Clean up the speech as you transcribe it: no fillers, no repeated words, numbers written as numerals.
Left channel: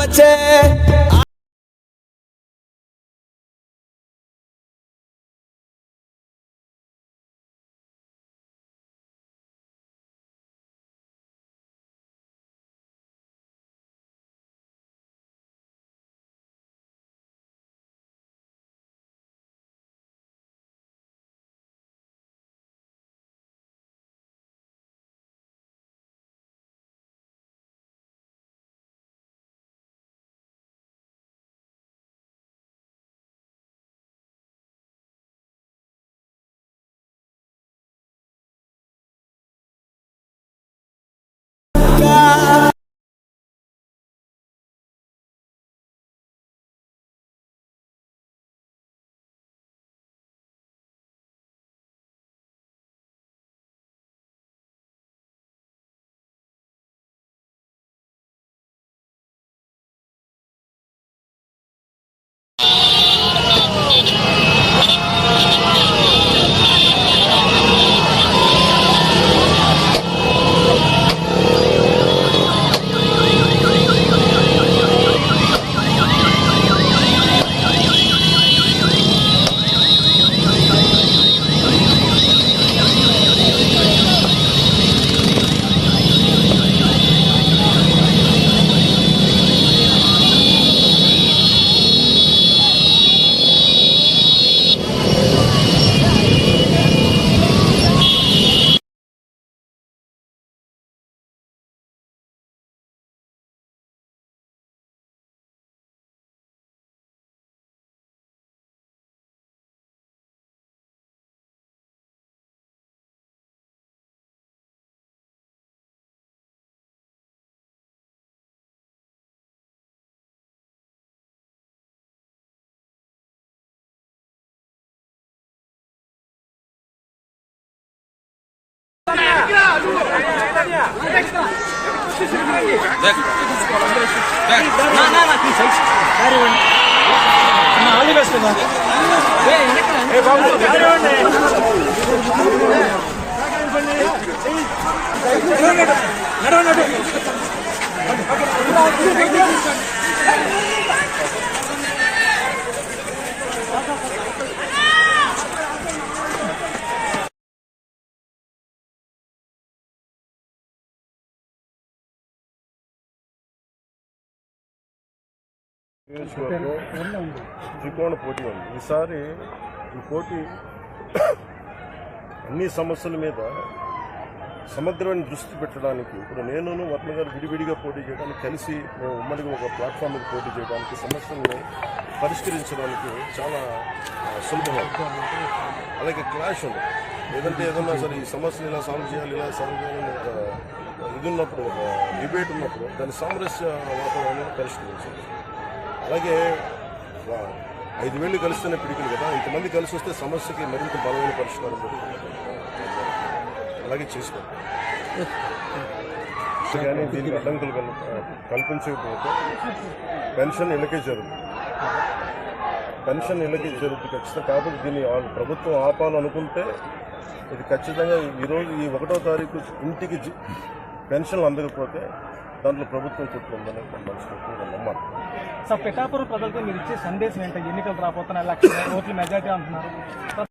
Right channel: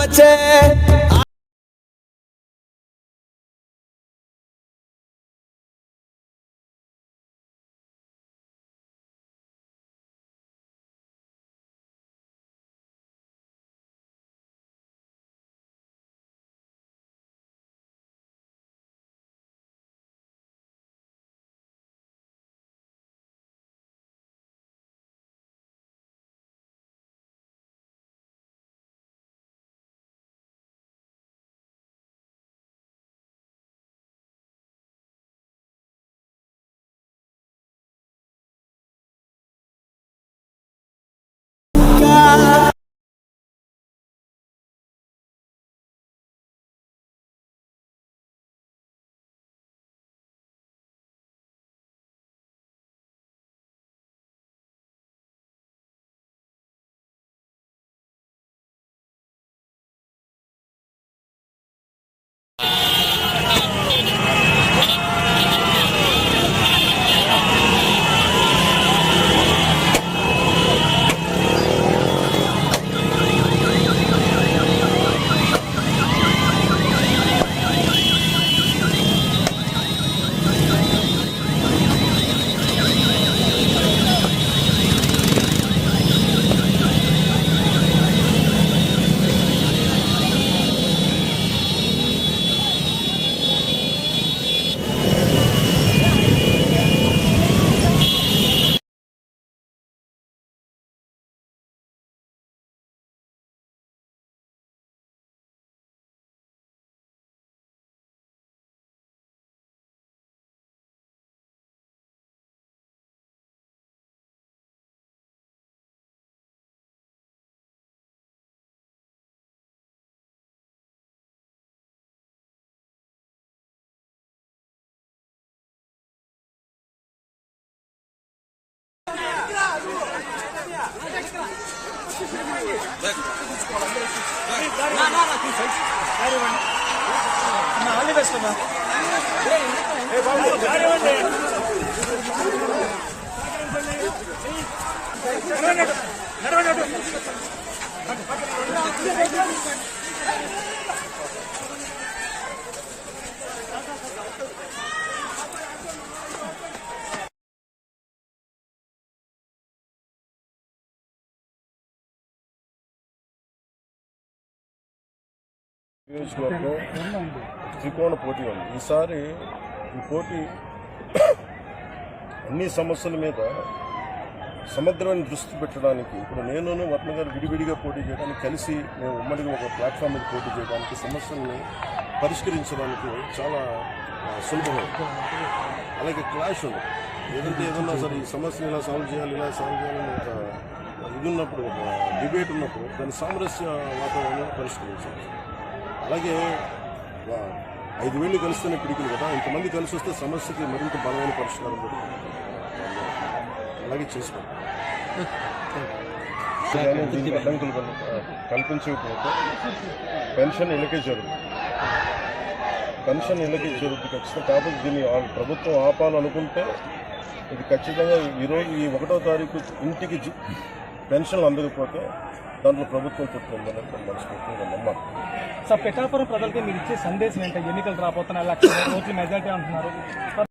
వచ్చే నియోజకవర్గం త్రికోణ పోటీ ఉంది. ఈసారి ఈ పోటీ అన్ని సమస్యల మీద సమగ్రమైన దృష్టి పెట్టడానికి ఇప్పుడు నేను వర్మ గారు విడివిడిగా పోటీ చేయడానికి కలిసి మేము ఉమ్మడిగా ఒక ప్లాట్ఫామ్ మీద పోటీ చేయడానికి సమస్యలను పరిష్కరించడానికి చాలా సులభమవుతుంది. అలాగే క్లాష్ ఉంది. ఏదన్నా సరే ఈ సమస్యను ఇలా సాల్వ్ చేయాలి అని ఒక ఇది ఉన్నప్పుడు ఒక డిబేట్ ఉన్నప్పుడు దాని సామరస్య వాతావరణం పరిష్కరించాలి. అలాగే 5,000 కలిస్తేనే పిడికిలు కదా, ఇంతమంది కలిసి వస్తే సమస్యకి మరింత బలమైన పరిష్కారం దొరుకుతుంది. అలాగే చేసుకోండి. కానీ దీనికి అడ్డంకులు కల్పించకపోతే పెన్షన్ ఇళ్ళకే జరుగుతుంది. ఖచ్చితంగా. కాబట్టి దీన్ని ప్రభుత్వం ఆపాలనుకుంటే ఇది ఖచ్చితంగా ఈరోజు ఈ 1వ తారీఖు ఇంటికి పెన్షన్లు అందకపోతే దాంట్లో ప్రభుత్వం కుట్టిందని మనస్ఫూర్తిగా నమ్మాలి. సార్, పిఠాపురం ప్రజలకి మీరు ఇచ్చే సందేశం ఏంటంటే ఎన్నికలు రాబోతున్నాయి, 1,00,000 ఓట్ల మెజారిటీ అంటున్నారు.